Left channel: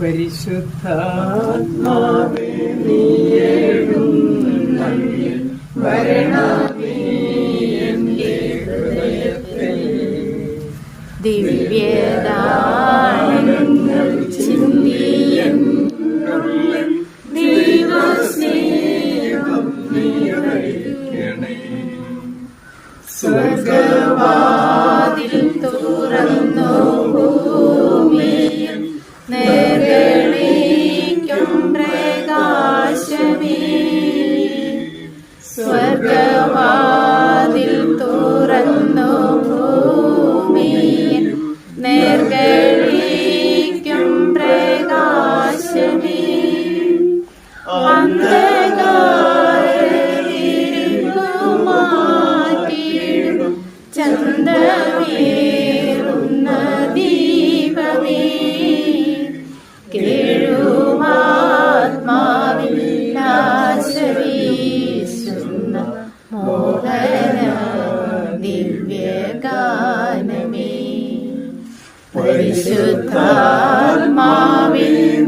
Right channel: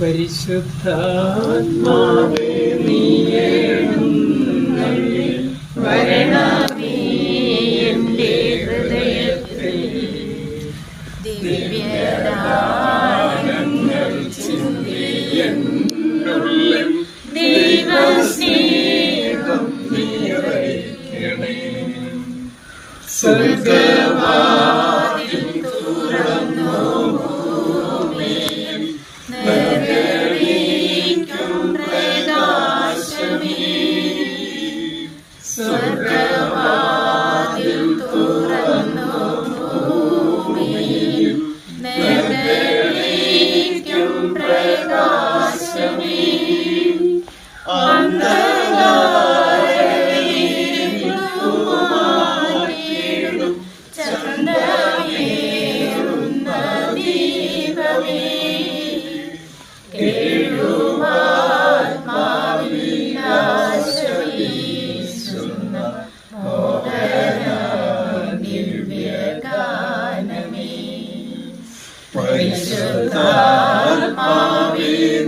പരിശുദ്ധാത്മാവേ നീ എഴുന്നള്ളി വരണമേ എൻ്റെ ഹൃദയത്തിൽ ദിവ്യദാനങ്ങൾ ചിന്തി എന്നുള്ളിൽ ദൈവസ്നേഹം നിറയ്ക്കണേ. സ്വർഗ്ഗവാതിൽ തുറന്നു ഭൂമിയിൽ നിറവേറ്റും പ്രകാശമേ. സ്വർഗ്ഗവാതിൽ തുറന്നു ഭൂമിയിൽ നിറവേറ്റും പ്രകാശമേ. അന്ധകാരമാറ്റിയിടും ചന്ദ്രമേറുന്ന ദീപമേ. കേഴുവാത്മാവിലാശവീശുന്ന മോഹന ദിവ്യഗാനമേ. പരിശുദ്ധാത്മാവേ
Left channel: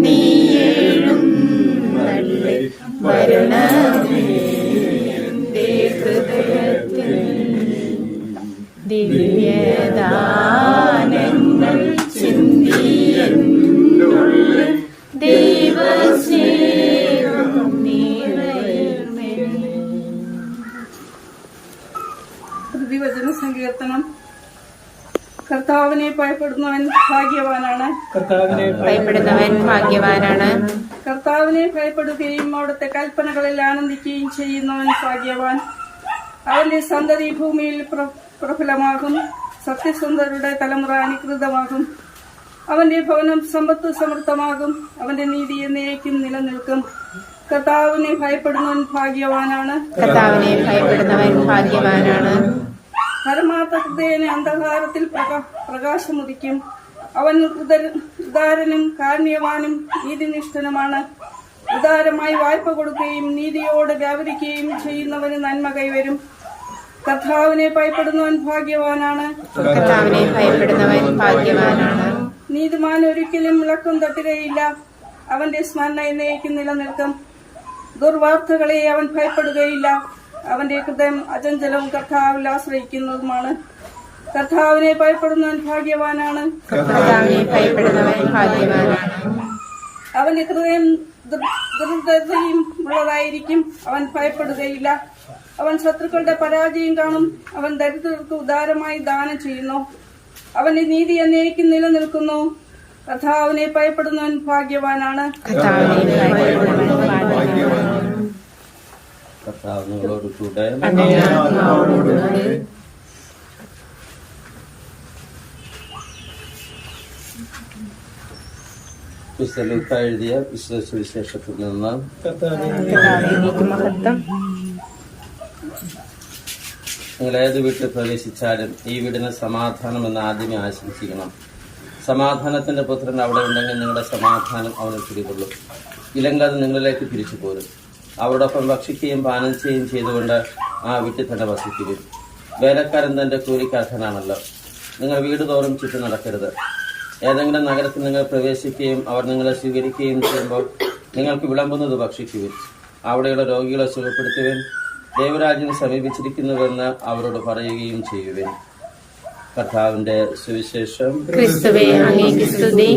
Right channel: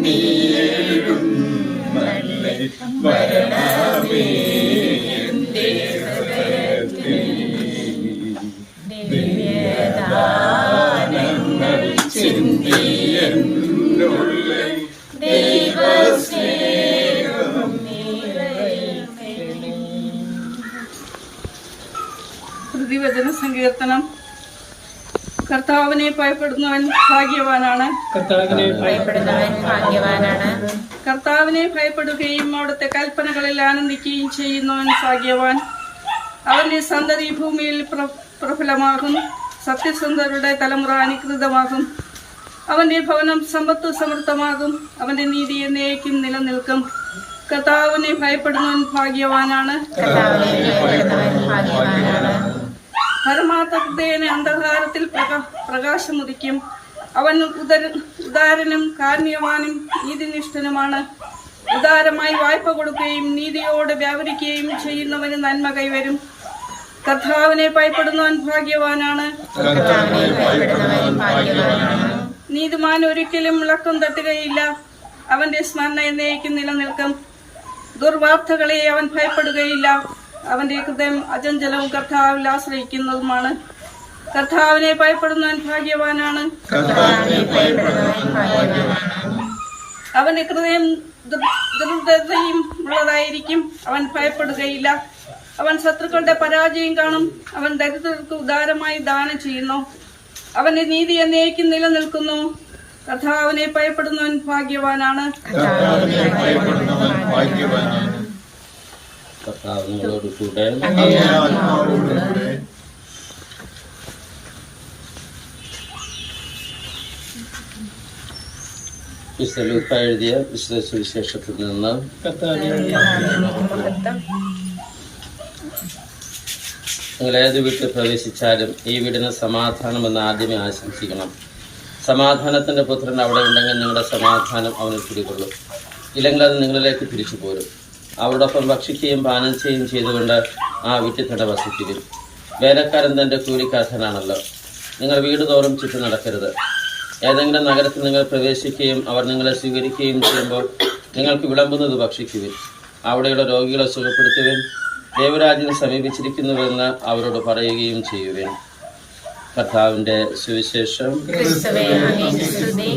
നീ എഴുന്നള്ളി വരണമേ എൻ്റെ ഹൃദയത്തിൽ ദിവ്യദാനങ്ങൾ ചിന്തി എന്നുള്ളിൽ ദൈവസ്നേഹം നിറയ്ക്കണേ. പ്രതിവചന സങ്കീർത്തനം. കർത്താവിനെ ഭയപ്പെടുന്നവൻ ഭാഗ്യവാനാണ്. കർത്താവിനെ ഭയപ്പെടുന്നവൻ ഭാഗ്യവാനാണ്. കർത്താവിനെ ഭയപ്പെടുകയും അവിടുത്തെ കൽപ്പനകളിൽ ആനന്ദിക്കുകയും ചെയ്യുന്നവൻ ഭാഗ്യവാൻ. അവന്റെ സന്തതി ഭൂമിയിൽ പ്രഫലമാകും. സത്യസന്ധരുടെ തലമുറ അനുകൃതമാകും. അവന്റെ ഭവനം സമ്പത്ത് സമൃദ്ധമാകും. അവന്റെ നീതി എന്നേക്കും നിലനിൽക്കും. കർത്താവിനെ ഭയപ്പെടുന്നവൻ ഭാഗ്യവാനാണ്. കർത്താവിനെ ഭയപ്പെടുന്നവൻ ഭാഗ്യവാനാണ്. പരമാർത്ഥ ഹൃദയനെ അന്ധകാരത്തിൽ പ്രകാശമുദിക്കും. അവൻ ഉദാരനും കാരുണ്യവാനും നീതിനിഷ്ഠനുമാണ്. ഉദാരമായി വായ്പ കൊടുക്കുകയും നീതിയോടെ വ്യാപരിക്കുകയും ചെയ്യുന്നവന് നന്മ കൈവരും. കർത്താവിനെ ഭയപ്പെടുന്നവൻ ഭാഗ്യവാനാണ്. കർത്താവിനെ ഭയപ്പെടുന്നവൻ ഭാഗ്യവാനാണ്. നീതിമാൻ ഒരിക്കലും ഇളക്കം തട്ടുകയില്ല. അവന്റെ സ്മരണ എന്നേക്കും നിലനിൽക്കും. ദുർവാർത്തകളെ അവൻ ഭയപ്പെടുകയില്ല. അവന്റെ ഹൃദയം അചഞ്ചലവും കർത്താവിൽ ആശ്രയിക്കുന്നതുമാണ്. കർത്താവിനെ ഭയപ്പെടുന്നവൻ ഭാഗ്യവാനാണ്. കർത്താവിനെ ഭയപ്പെടുന്നവൻ ഭാഗ്യവാനാണ്. അവന്റെ ഹൃദയം ദൃഢതയും ഉള്ളതായിരിക്കും. അവൻ ഭയപ്പെടുകയില്ല. അവൻ ശത്രുക്കളുടെ പരാജയം കാണും. അവൻ ദരിദ്രർക്ക് ഉദാരമായി ദാനം ചെയ്യുന്നു. അവന്റെ നീതി എന്നേക്കും നിലനിൽക്കുന്നു. കർത്താവിനെ ഭയപ്പെടുന്നവൻ ഭാഗ്യവാനാണ്. കർത്താവിനെ ഭയപ്പെടുന്നവൻ ഭാഗ്യവാനാണ്. കർത്താവ് നിങ്ങളോട് കൂടെ. വിശുദ്ധ ലൂക്കാ എഴുതിയ വിശുദ്ധ സുവിശേഷത്തിൽ നിന്ന്. നിങ്ങൾ ഏത് വീട്ടിൽ പ്രവേശിച്ചാലും ഈ വീടിന് സമാധാനമെന്ന് ആദ്യമേ ആശംസിക്കണം. സമാധാനത്തിന്റെ പുത്രൻ അവിടെ ഉണ്ടെങ്കിൽ നിങ്ങളുടെ സമാധാനം അവനിൽ പിടികൊള്ളും. ഇല്ലെങ്കിൽ അത് നിങ്ങളിലേക്ക് തിരിച്ചു പോരും. അവരോടൊപ്പം ഭക്ഷിക്കുകയും പാനം ചെയ്യുകയും ചെയ്തുകൊണ്ട് ആ വീട്ടിൽ തന്നെ വസിക്കുകയും. വേലക്കാരൻ തന്റെ കൂലിക്കാരനാണല്ലോ. നിങ്ങൾ വീട് തോറും ചുറ്റും നടക്കരുത്. ഏതെങ്കിലും നഗരത്തിൽ നിങ്ങൾ പ്രവേശിക്കുകയും അവർ നിങ്ങളെ സ്വീകരിക്കുകയും ചെയ്യുമ്പോൾ നിങ്ങൾക്ക് വിളമ്പുന്നത് ഭക്ഷിക്കുവിൻ. അവിടെയുള്ള രോഗികളെ സുഖപ്പെടുത്തുവിൻ. ദൈവരാജ്യം സമീപിച്ചിരിക്കുന്നുവെന്ന് അവരോട് പറയുകയും ചെയ്യുവിൻ. കർത്താവിന്റെ സുവിശേഷം. ക്രിസ്തുവേ അങ്ങേക്ക് സ്തുതി.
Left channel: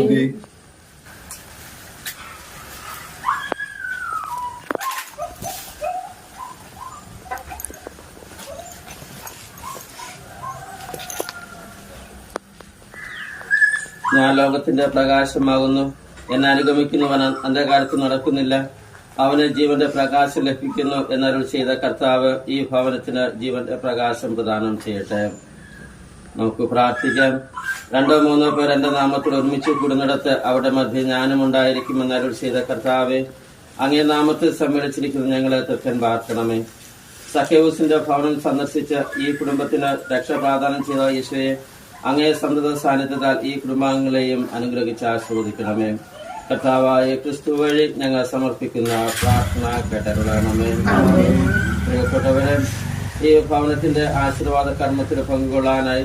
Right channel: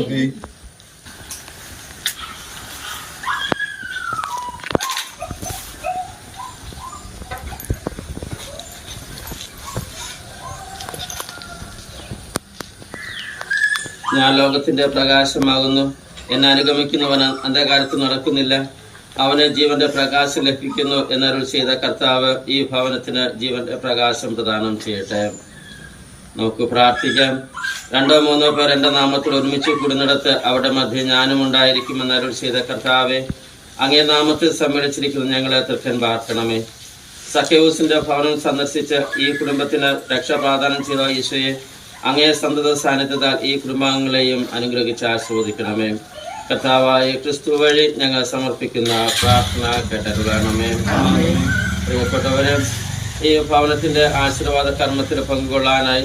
ഞാൻ ലോകത്തിന്റെ പ്രകാശമാകുന്നു. എന്നെ അനുഗമിക്കുന്നവൻ അന്ധകാരത്തിൽ നടക്കുന്നില്ല, അവന് ജീവന്റെ പ്രകാശം ലഭിക്കുന്നു എന്നരുൾ ചെയ്ത കർത്താവ് ഈ ഭവനത്തിന് ജീവന്റെ പ്രകാശം പ്രദാനം ചെയ്യട്ടെ. നമുക്ക് പ്രാർത്ഥിക്കാം. 2-3 പേർ എന്റെ നാമത്തിൽ ഒരുമിച്ച് കൂടുന്നിടത്ത് അവിടെ മധ്യ ഞാനും ഉണ്ടായിരിക്കുമെന്ന് അരുൾ ചെയ്ത കർത്താവെ, അങ്ങേ നാമത്തിൽ സമ്മേളിച്ചിരിക്കുന്ന ഞങ്ങളെ തൃക്കൻ പാർക്കണമേ. സഖ്യവൂസിന്റെ ഭവനം സന്ദർശിച്ച് ഈ കുടുംബത്തിന് രക്ഷപ്രദാനം ചെയ്ത യേശുവെ, അങ്ങേ സന്തത സാന്നിധ്യത്താൽ ഈ കുടുംബാംഗങ്ങളെയും അനുഗ്രഹിച്ച് ആശീർവദിക്കണമേ. കർത്താവായ ക്രിസ്തു വഴി ഞങ്ങൾ സമർപ്പിക്കുന്ന പ്രാർത്ഥന കേട്ടരുളണമേ. പ്രിയപ്പെട്ടവരെ, ഈ ഭവനത്തിന്റെ ആശീർവാദ കർമ്മത്തിൽ പങ്കുകൊള്ളാനായി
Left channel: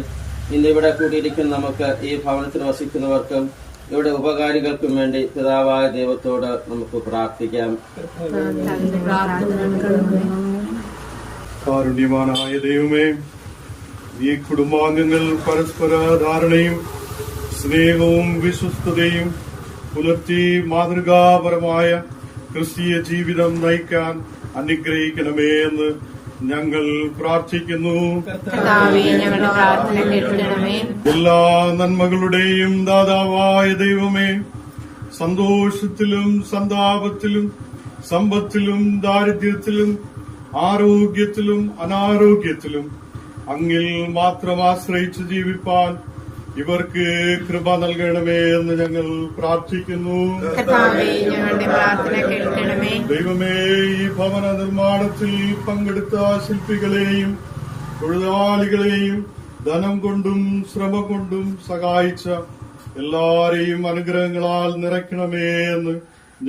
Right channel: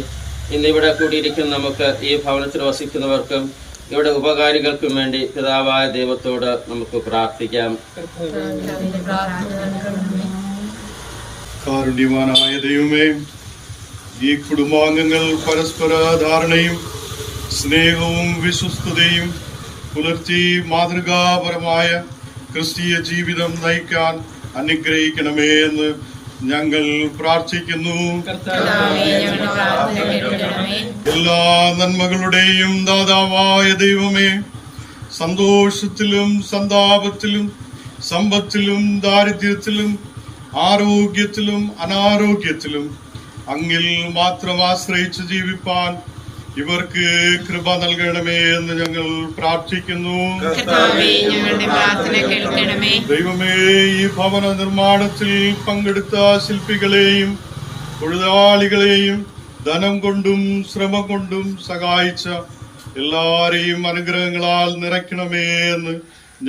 ഇന്നിവിടെ കൂടിയിരിക്കുന്ന നമുക്ക് ഈ ഭവനത്തിൽ വസിക്കുന്നവർക്കും ഇവിടെ ഉപകാരികൾക്കും വേണ്ടി പിതാവായ ദൈവത്തോട് നമുക്ക് പ്രാർത്ഥിക്കാം. കാരുണ്യവാനായ ദൈവമേ, ഈ കുടുംബാംഗങ്ങൾ പരസ്പര ധാരണയും സ്നേഹവും വിശ്വസ്തതയും പുലർത്തി മാതൃകാപരമായ ക്രിസ്തീയ ജീവിതം നയിക്കാൻ അനുഗ്രഹിക്കണമേ എന്ന് ഞങ്ങൾ പ്രാർത്ഥിക്കുന്നു. എല്ലാ നന്മകളുടെയും ദാതാവായ ദൈവമേ, സന്തോഷത്തിലും സന്താപത്തിലും സമ്പത്തിലും ദാരിദ്ര്യത്തിലും ആരോഗ്യത്തിലും അനാരോഗ്യത്തിലും അങ്ങിൽ മാത്രം ആശ്രയിച്ച് ജീവിപ്പാൻ ഇവർക്ക് കൃപ നൽകണമേ എന്ന് ഞങ്ങൾ പ്രാർത്ഥിക്കുന്നു. ദൈവമേ, ഈ ഭവന നിർമ്മാണത്തിൽ പങ്കെടുത്ത ശില്പികളെയും തൊഴിലാളികളെയും ധനം കൊണ്ടും ശ്രമം കൊണ്ടും സഹായിച്ച എല്ലാരെയും അനുഗ്രഹങ്ങളാൽ നിറയ്ക്കണമേ എന്ന്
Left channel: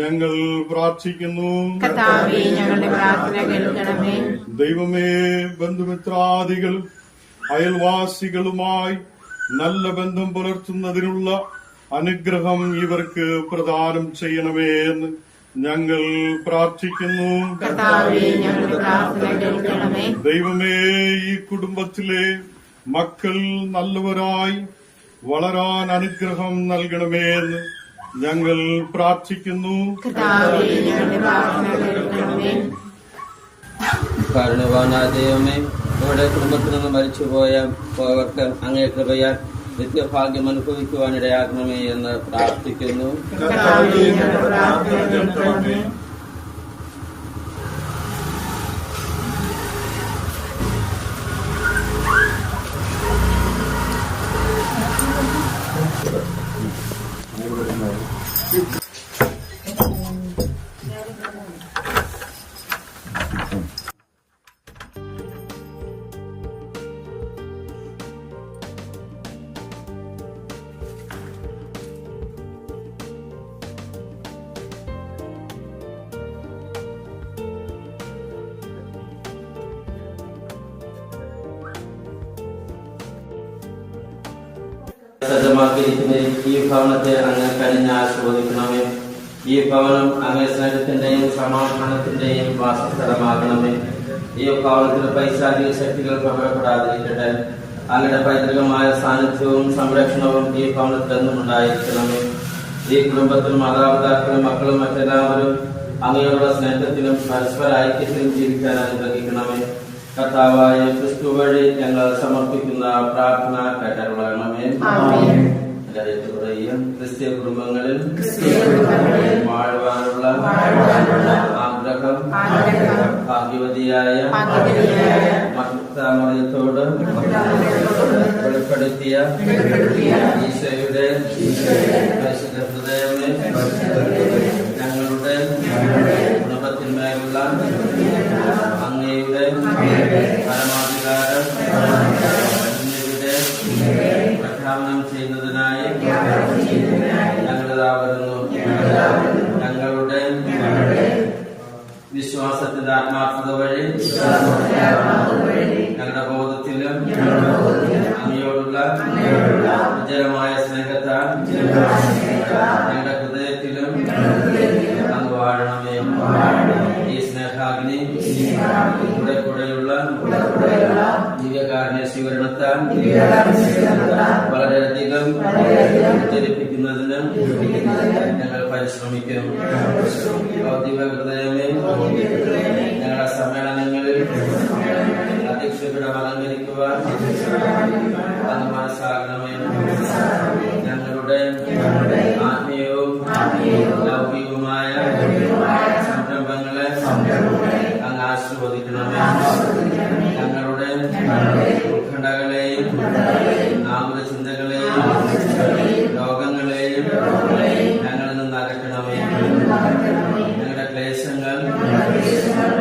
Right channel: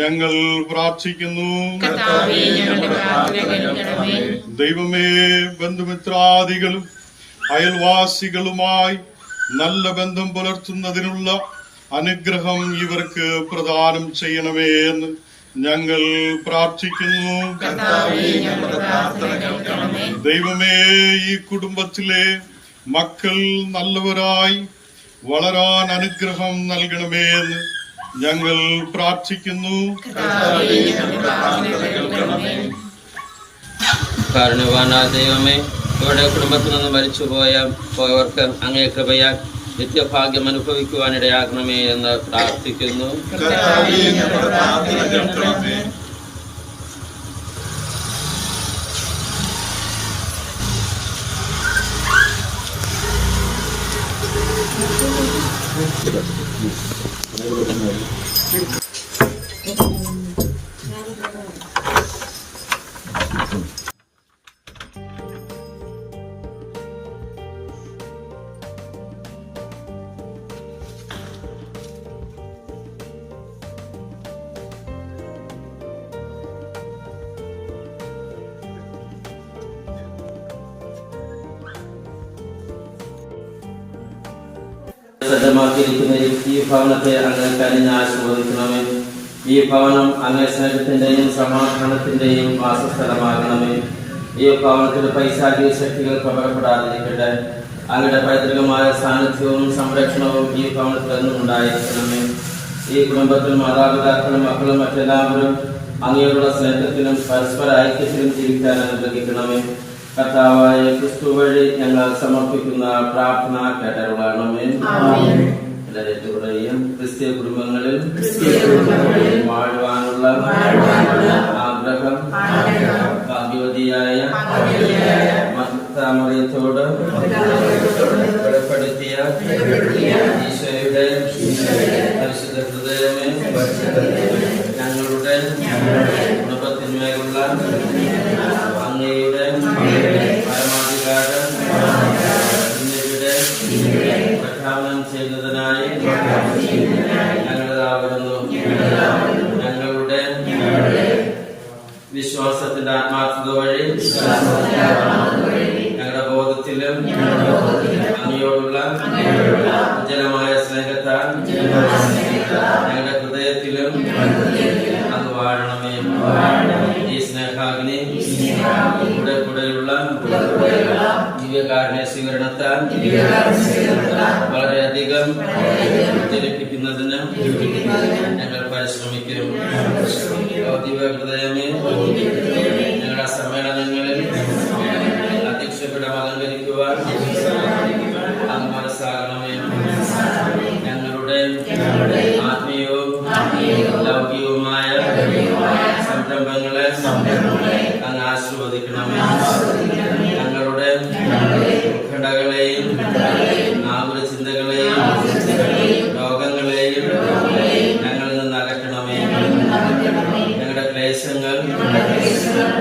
ഞങ്ങൾ പ്രാർത്ഥിക്കുന്നു. ദൈവമേ, ബന്ധുമിത്രാദികളും അയൽവാസികളുമായി നല്ല ബന്ധം പുലർത്തുന്നതിനുള്ള അനുഗ്രഹം ഇവർക്ക് പ്രദാനം ചെയ്യണമേ എന്ന് ഞങ്ങൾ പ്രാർത്ഥിക്കുന്നു. ദൈവമേ, ഈ കുടുംബത്തിലെ മക്കൾ നല്ലവരായി വളരാൻ അനുഗ്രഹം നൽകണമേ എന്ന് ഞങ്ങൾ പ്രാർത്ഥിക്കുന്നു. കാരുണ്യവാനായ ദൈവമേ, ഇവിടെ കുടുംബത്തിൽ നിന്ന് മരിച്ചുപോയവർക്ക് അങ്ങേ കൃപയാൽ നിത്യഭാഗ്യം അനുഭവിക്കുവാനിടയാക്കണമേ എന്ന് പ്രാർത്ഥിക്കുന്നു. സജ്ജമാക്കിയിരിക്കുന്ന ഈ ഭവനത്തെ അങ്ങ് കനിഞ്ഞ് ആശീർവദിക്കണമേ. ഈ ഭവനം അങ്ങേ സ്നേഹത്തിന്റെയും സമാധാനത്തിന്റെയും വാസസ്ഥലമാകണമേ. ഈ ഭവനത്തിന് പൈശാചിക ശക്തികൾ പ്രബലപ്പെടാതിരിക്കട്ടെ. അങ്ങയുടെ പൈതൃകമായ സാന്നിധ്യവും സംരക്ഷണവും ഈ ഭവനത്തിൽ എന്നും ഉണ്ടായിരിക്കണമേ. ഈ കുടുംബത്തിൽ മാതാപിതാക്കളും മക്കളും മറ്റെല്ലാവരും അങ്ങയോടുള്ള സ്നേഹത്തിലും പരസ്പര ഐക്യത്തിലും ജീവിക്കാൻ അനുഗ്രഹിക്കണമേ. കർത്താവായ ക്രിസ്തു വഴി ഞങ്ങൾ സമർപ്പിക്കുന്ന പ്രാർത്ഥന കേട്ടരുളണമേ. ക്രിസ്തീയ കുടുംബങ്ങളിൽ വാഴുവാനുള്ള ആഗ്രഹം ഭാഗ്യവതിയായ മറിയത്തോട് വെളിപ്പെടുത്തിയ ഈശോയുടെ പരിശുദ്ധ ഹൃദയമേ, ഞങ്ങളുടെ കുടുംബത്തിന്മേലുള്ള അങ്ങയുടെ പരമാധികാരം എന്നിവിടെ പ്രഖ്യാപനം ചെയ്യുന്നതിനായി ഞങ്ങളിതാവുന്നു. ഞങ്ങളുടെ വിശ്വാസത്തിന്റെ ആത്മാർത്ഥത വഴി ഞങ്ങളുടെ ബോധത്തിലും അങ്ങയോടുള്ള ഉജ്ജ്വലമായ സ്നേഹത്താൽ ഞങ്ങളുടെ ഹൃദയത്തിലും അങ്ങ് വാഴണമേ. ഈ സ്നേഹാഗ്നി കൂടെയുള്ള ദിവ്യകാരുണ്യ സ്വീകരണത്താൽ വളരെയധികം ഉജ്ജ്വലിപ്പിക്കുന്നതിന് ഞങ്ങൾ പരിശ്രമിക്കും. ദിവ്യഹൃദയമേ, ഞങ്ങളുടെ സമ്മേളനങ്ങളിൽ അധ്യക്ഷപീഠം അലങ്കരിക്കുവാൻ അങ്ങ് മനസ്സാകണമേ. ഞങ്ങളുടെ ആത്മീയവും ലൗകികവുമായ സംരംഭങ്ങളെ അങ്ങ് ആശീർവദിക്കണമേ. ഞങ്ങളുടെ ഉത്കണ്ഠകളെയും ആകുല ചിന്തകളെയും രോഗങ്ങളെയും ഞങ്ങളിൽ നിന്ന് അകറ്റണമേ. ഞങ്ങളുടെ ക്ലേശങ്ങൾ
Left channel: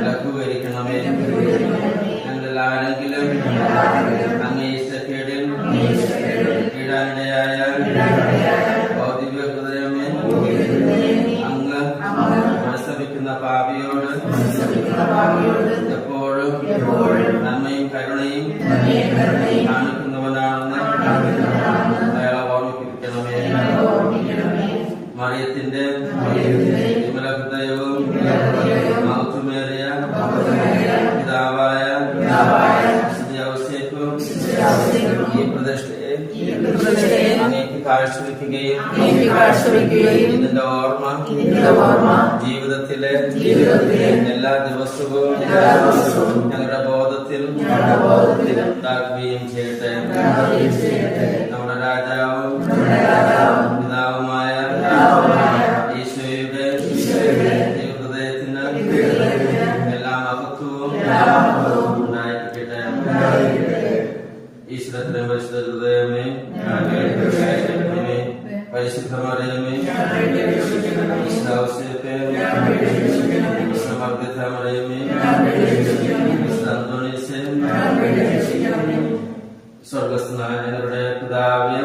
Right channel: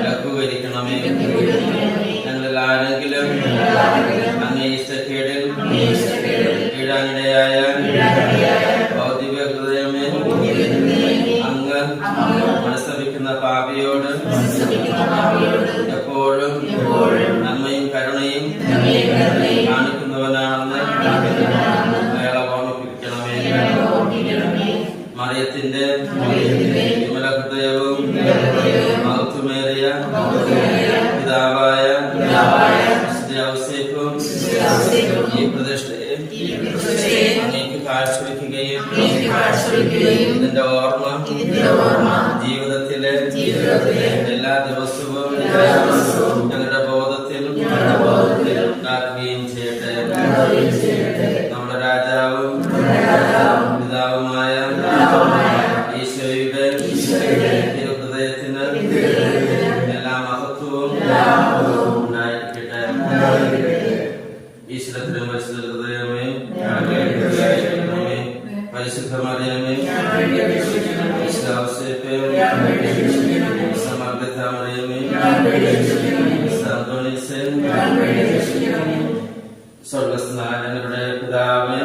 ലഘൂകരിക്കണമേ. ഞങ്ങളിൽ ആരെങ്കിലും അങ്ങേ ഇഷ്ടക്കേടിൽ കീഴാനിടയായ ഭൗതിക ഹൃദയമേ, അങ്ങ് മനസ്തപിക്കുന്ന പാപിയോട് എപ്പോഴും നന്മയും കരുണയും കാണിക്കുന്നവനാണെന്ന് അയാളെ ഓർമ്മിപ്പിക്കണമേ. വിമല ഹൃദയവും മഹത്വമേറിയ പിതാവായ ഔസേപ്പും ഈ പ്രതിഷ്ഠയെ അങ്ങേക്ക് കാഴ്ചവെക്കുകയും ഇതിന്റെ ഓർമ്മ ജീവിതത്തിലെ എല്ലാ ദിവസവും ഞങ്ങളുടെ ബോധത്തിൽ ഉണ്ടാക്കുകയും ചെയ്യട്ടെ. നമ്മുടെ രാജാവും പിതാവുമായ ഈശോയുടെ ഹൃദയത്തിന് എല്ലാ മഹത്വവും ഉണ്ടായിരിക്കട്ടെ. ഈശ്വരത്തിനും പരിശുദ്ധ ഹൃദയമേ, പരിശുദ്ധ മറിയമേ, സമർദ്ദിത മറിയമേ, അന്തോണീസേ, സ്വർഗസ്ഥനായ ഞങ്ങളുടെ പിതാവേ,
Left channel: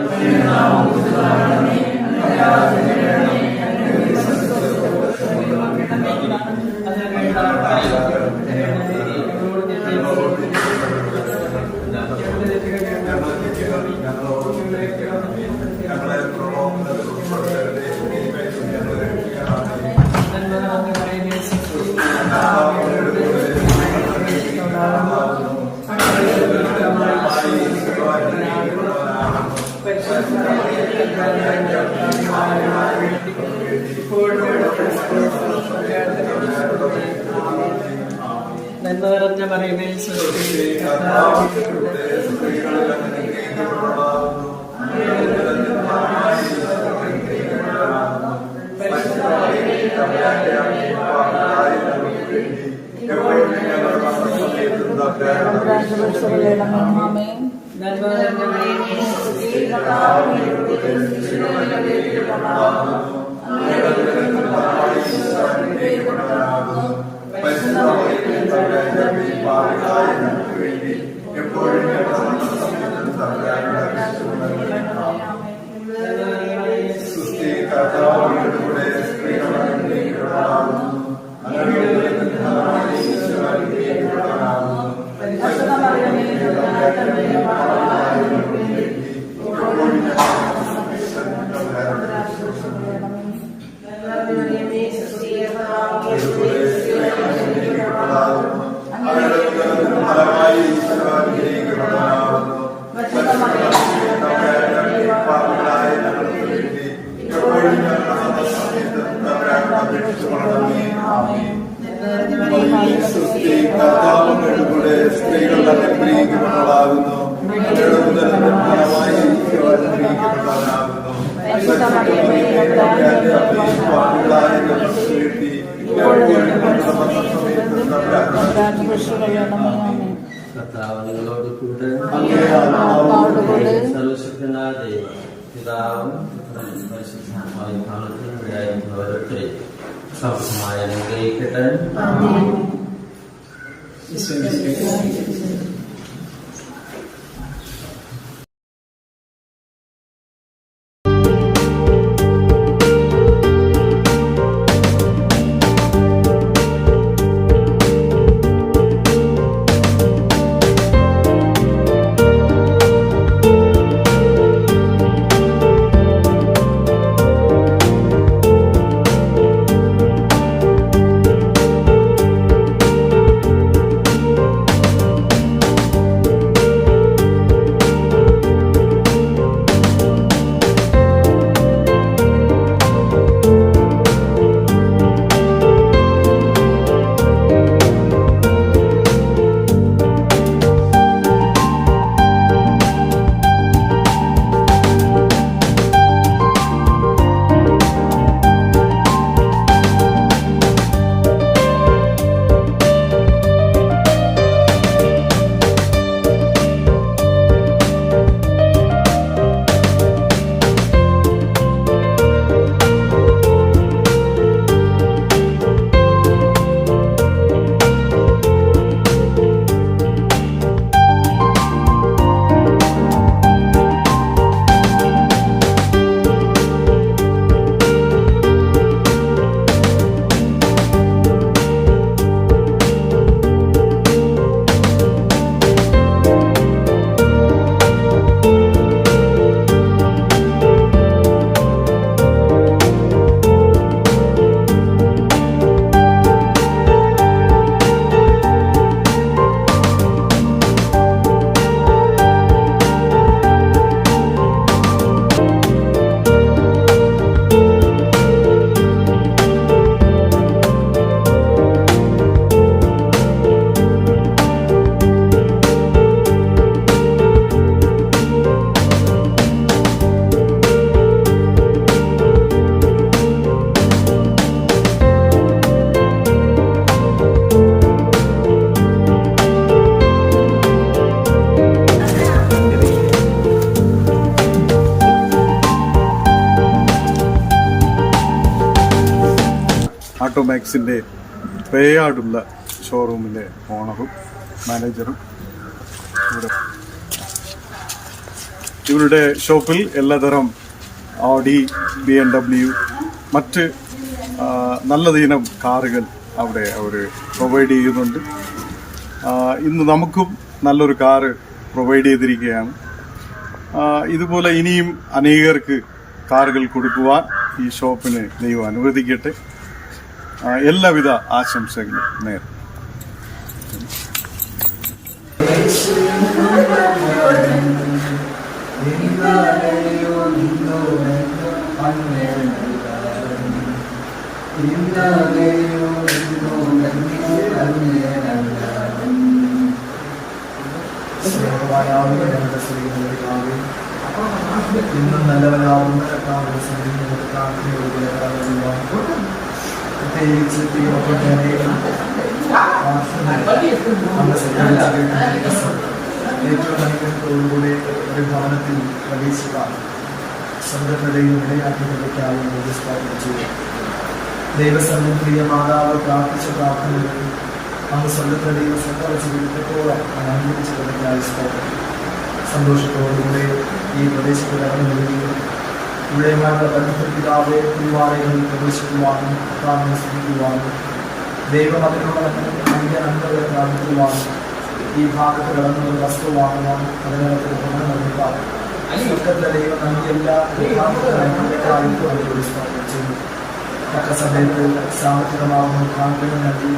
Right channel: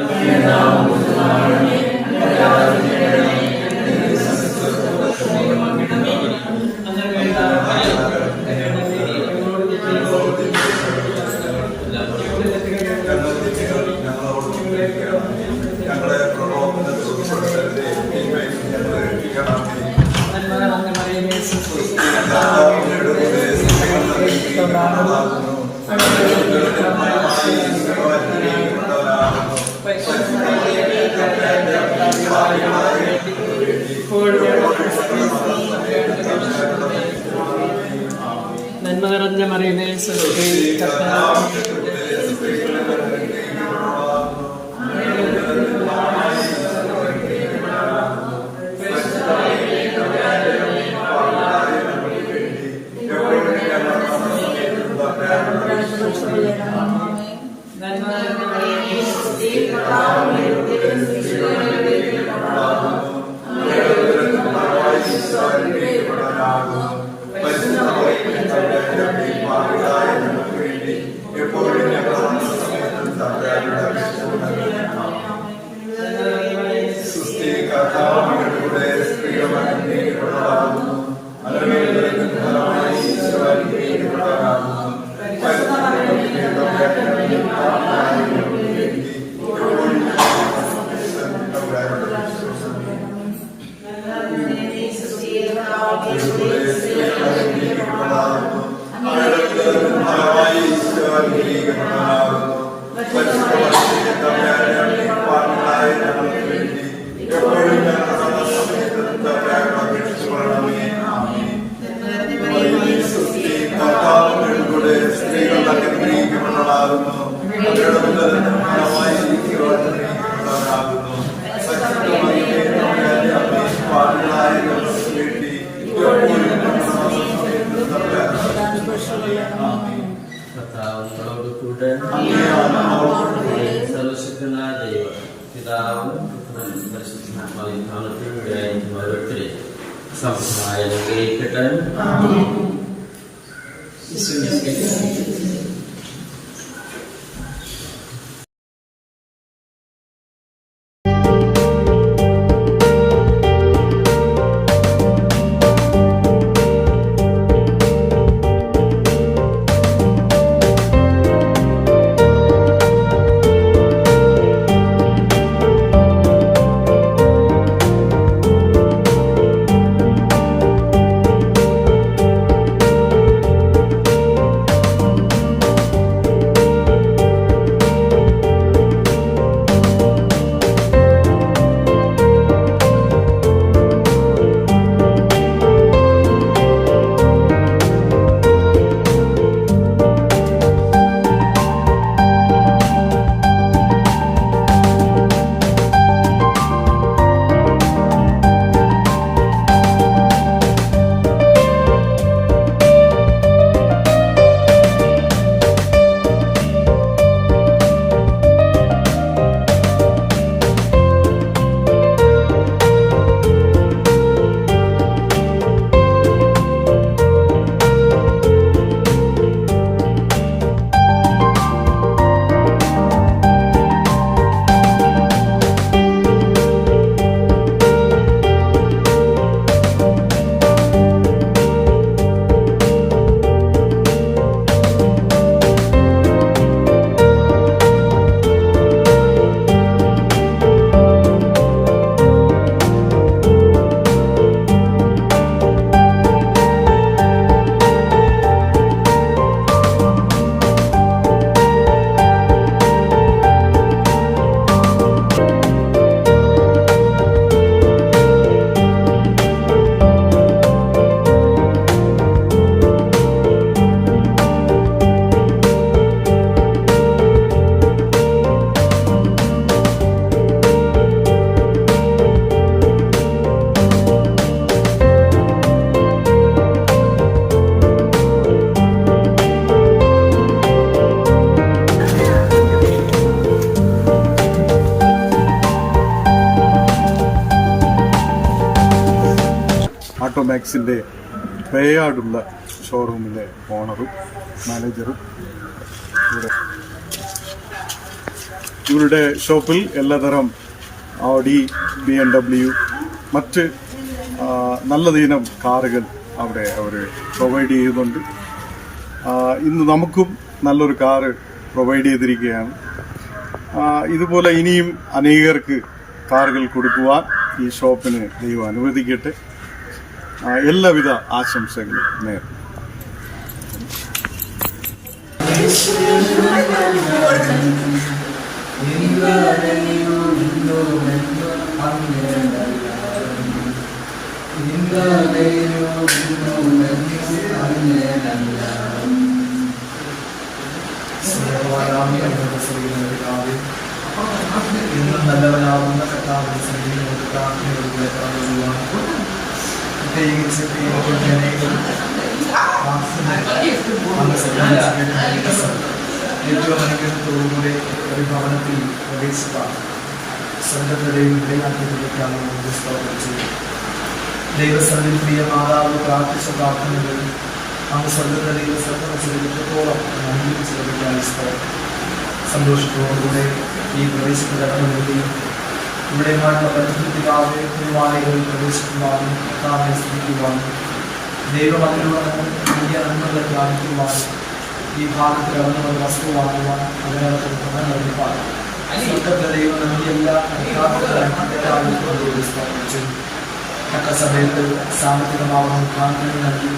നന്മ നിറഞ്ഞ മറിയമേ, കർത്താവ് നിങ്ങളോട് കൂടെ സർവശക്തനായ ദൈവം പിതാവും പരിശുദ്ധാത്മാവിൻ ഭവനത്തിൽ ഓരോരുത്തരെ സമൃദ്ധമായി അനുഗ്രഹിക്കട്ടെ. ഓട്ടോമാക്സിൻ്റെ പേയാടുള്ള ഷോറൂമിലെ ഓണറും മാനേജറും ഇവരുടെ ഷോപ്പിൽ എല്ലാതരം ഓഡി, BMW, മറ്റ് നല്ലതീനം കാറുകൾ അവിടെ അവർ പ്രൊവൈഡ് ചെയ്യുന്നുണ്ട്. ഇന്ന് നമുക്കും നല്ലൊരു കാറ് പ്രൊവൈഡ് ചെയ്തിരിക്കുകയാണ്. ഇതുപോലെ ഇനിയും അനേകർക്ക് കാറുകൾ കൊടുക്കുവാൻ ഈ ഷോപ്പിന് ദൈവം അനുവദിക്കട്ടെ. എല്ലാവിധ ആശംസകളും നേരും. ഇന്നും നല്ലവനാവുന്ന കർത്താവിന്റെ സന്നിധിയിൽ നമുക്ക് പ്രാർത്ഥനയോടുകൂടെ കടന്നുപോകാൻ, പ്രത്യേകിച്ച് പ്രിയമക്കളുടെ അനേകം ദിവസം ഏറ്റവും അനുഗ്രഹത്തോടുകൂടെ ഒരു ഭവനത്തിൽ പ്രവേശിക്കാൻ സ്വന്തത്തെ ദൈവം ഇടയാക്കിയതിലേക്കായി സ്ഥാപനം ചെയ്തു. ദൈവസ്ഥലിൽ പ്രിയ മാതാവ് പ്രാർത്ഥിച്ച പ്രാർത്ഥനകൾ അന്ന് സ്വർഗത്തെ ദൈവം ശ്രദ്ധ വെച്ചെടുത്തോളം അംഗീകരിച്ചതിലേക്കായി സ്ഥാപനം. സന്തോഷത്തോടുകൂടെ ഈ പ്രദേശത്ത് കടന്നു വരികയും ഇവിടെയുമായുള്ള ബന്ധത്തിൽ പിതാവെ തിരുവാലയങ്ങളിൽ പ്രവേശിക്കുവാനും കർത്താവിനെ സ്തുതിക്കുവാനും ദൈവം അതിലൂടെ വലിയ നന്മകളെ പ്രാപിക്കുവാനും ഈ ഭാഗത്ത് കടന്നു വന്ന് വസ്തു വാങ്ങുവാനും അതിനകത്ത് ഗുണം നിർമ്മിപ്പാൻ സ്വർഗത്തിലെ ദൈവം നൽകിയ എല്ലാ സ്ഥാപനം ചെയ്തു. തക്ക സമയത്ത് സാമ്പത്തികമാകുന്ന മുഖാന്തരങ്ങൾ നൽകി,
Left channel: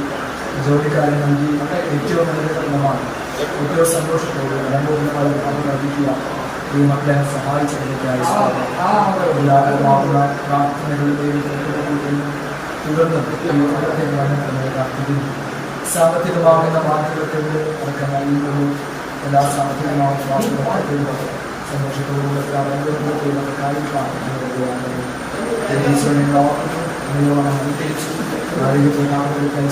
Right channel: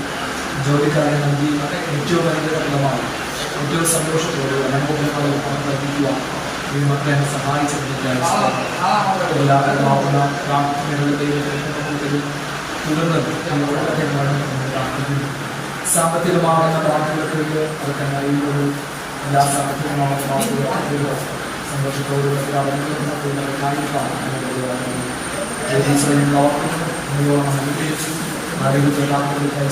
ജോലിക്കാരെ നൽകി, ഏറ്റവും അനുഗ്രഹമായി ഏറ്റവും സന്തോഷത്തോടെ അനുഭവമായി പണം നൽകിക്കുവാൻ ഈ മക്കളെ സഹായിച്ചതിലേക്കായി എല്ലാവരുമാകുന്ന പ്രാർത്ഥനകളിലെയും തുടർന്ന് പ്രാർത്ഥിക്കുന്നു. സാമ്പത്തികമാകുന്ന പ്രാർത്ഥനകൾക്ക് അതൊക്കെ അറിയുന്നത് എല്ലാ സാമ്പത്തികമാകുന്ന പ്രാർത്ഥനകൾക്ക് സന്തോഷത്തോടുള്ള കാര്യമാണ്. അനുഗ്രഹിച്ചു ആരോഗ്യത്തിലേക്കായി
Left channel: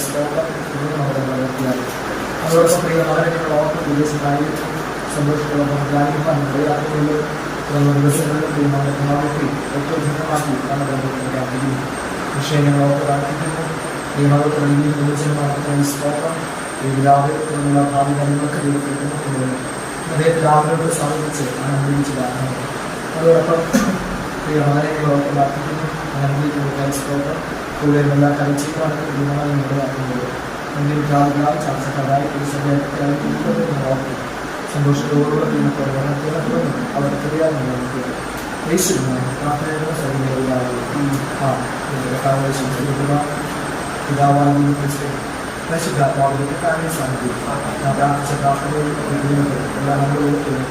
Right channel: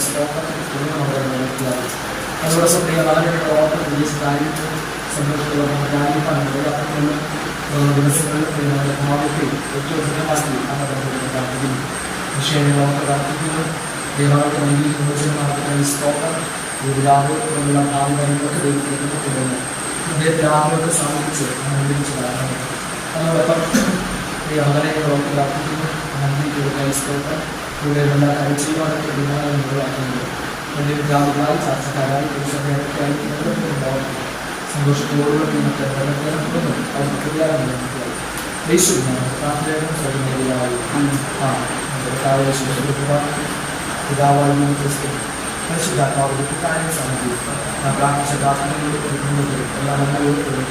തുടർന്ന് നമ്മൾ നിർത്തിയായി അതോടൊപ്പം അവരുടെ ഓർമ്മ വിദേശ കാര്യം സന്തോഷത്തോടെ നമുക്ക് ധ്യാനിക്കാൻ യാത്രകളിൽ ദിവസങ്ങളിൽ ഭാവത്തിൽ ഏറ്റവും ധന്യമാക്കി നമ്മൾ പ്രാർത്ഥിക്കുന്നു. വിഷയങ്ങൾ ഓർത്ത് പ്രാർത്ഥിക്കുന്നു. ദൈവങ്ങൾക്ക് നൽകിയ യുവജനമാർക്കായി സ്തോത്രം. ഇതിലാവുള്ള ഭാവി കാര്യങ്ങൾക്ക് ദൈവത്തിലേക്ക് കൊണ്ടുവരുന്നു. അദ്ദേഹത്തെ ആഗ്രഹത്തെ സാധിച്ച് അനുഗ്രഹിച്ചതാണ്. അതോടൊപ്പം വളരെ ഓർത്ത് പ്രാർത്ഥിക്കുന്നു. അനുഗ്രഹിക്കുന്നതിനായി സ്തോത്രം. കൂടെ എല്ലാ കാര്യം ചെയ്യുവാനൊക്കെ ദൈവമായി നിലവാക്കുന്നത് എൻ്റെ വിദ്യാർത്ഥികളായി ചർച്ചക്കാരായി പുരുഷനായി ഓർക്കും. സന്തോഷത്തോടുകൂടെ നമുക്ക് തുടർന്നു അവർക്ക് தெரியாതെ നോക്കിയാണ് യേശു പ്രാർത്ഥനയുടെ സൈന്യമായി പിതാവായി പരിശുദ്ധാത്മാവിന്റെ കാര്യം സാധിക്കും. പ്രാർത്ഥിച്ച പ്രാർത്ഥനയിൽ എല്ലാ നന്മകളും